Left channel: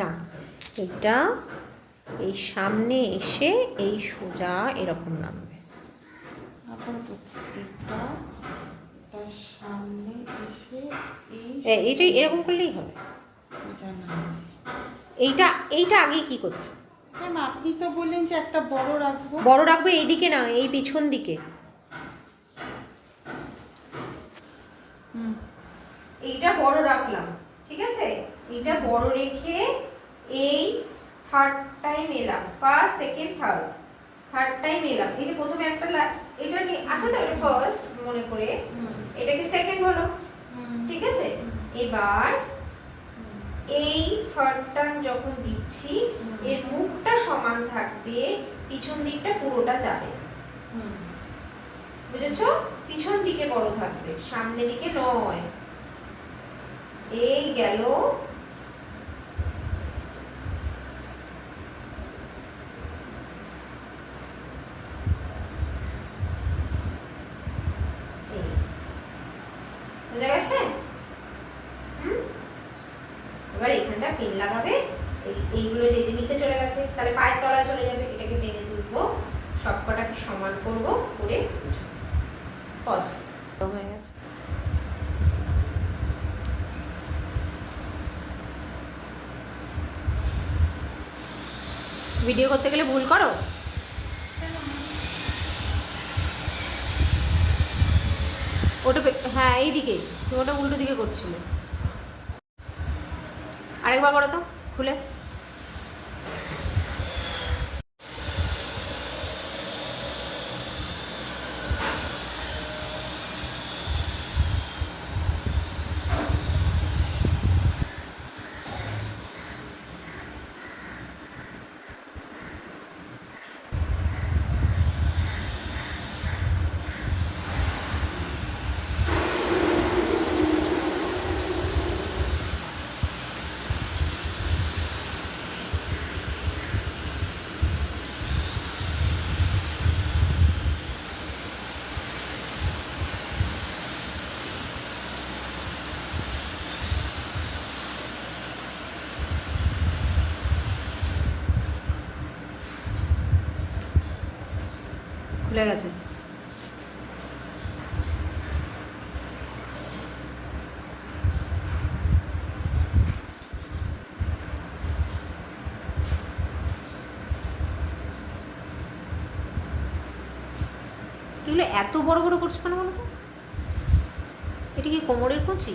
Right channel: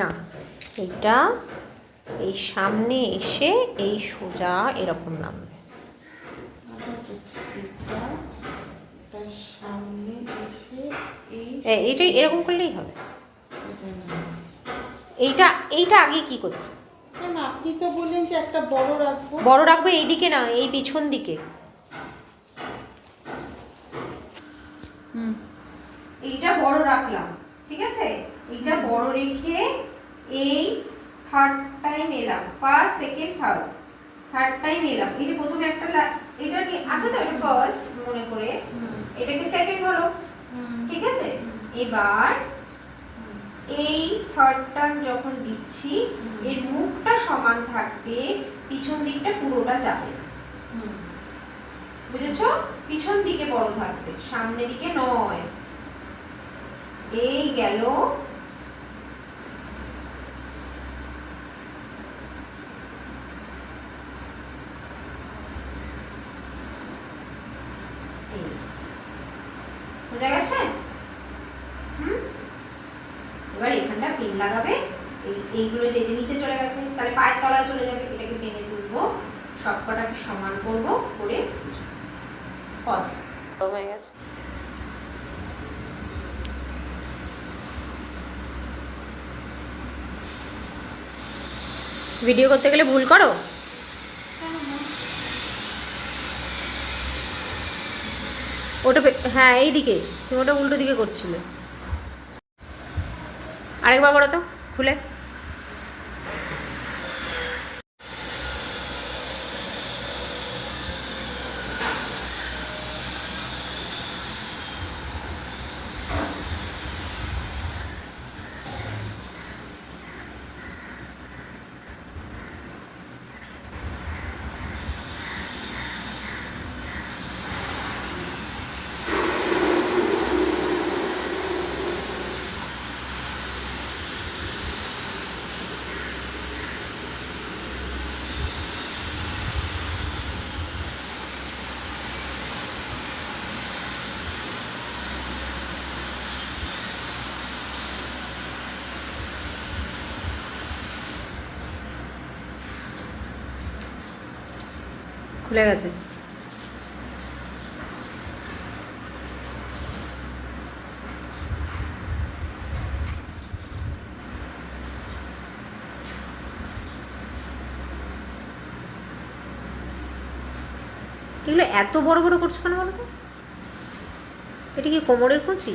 না, এইটা এই সামনে এসে এই সোজা এরকম নামবে। এইটা এরকম করলেই হবে। এইটা এইটা আগে কি করছে? আপনি তো বললেন যে একটা বড় রাখবো। বড় রাখবো এইদিকে না, এই পিছন দিকে। এইটা বড় রাখলাম, ঠিক আছে? এইটা বড় রেখে এই থার্ড টাইম এলাম, ফার্স্ট সেকেন্ড থার্ড টাইম এলাম। এই যে প্রথমে একটা এটা কি আছে তো, এটা ফার্স্ট মনে করে, এটাকে সেকেন্ড হলো, ঠিক আছে? এবার এই থার্ড টার্ম যখন দিচ্ছি এর মুখটা সমান থাকবে, পিছন দিকটা পুরোটা যাবে, বুঝেছো? পিছন দিকে বড় থাকবে, সামনে দিকে নয়। এই গেল। বুঝা গেছে? এবার এখানটা পেন লাগাবে, এইগুলো যে নিচে চলে গেছে তাহলে পায়ের তলায় চলে যাবে, এটাকে টেনে তুলবো, সবকটাকে সমান করব, করে বস হয়ে গেছে। ভিডিও করতে গেলে ভুল করো? ওটা হ্যাঁ এইদিকে, তুমি ওটা উল্টো দিকে করছিলে। আরেকবার করো তো খুলে। খুলে গেছে। এগুলো এত বড় বড় করছো কেন বলো তো? এটা কি কোমরের করছি?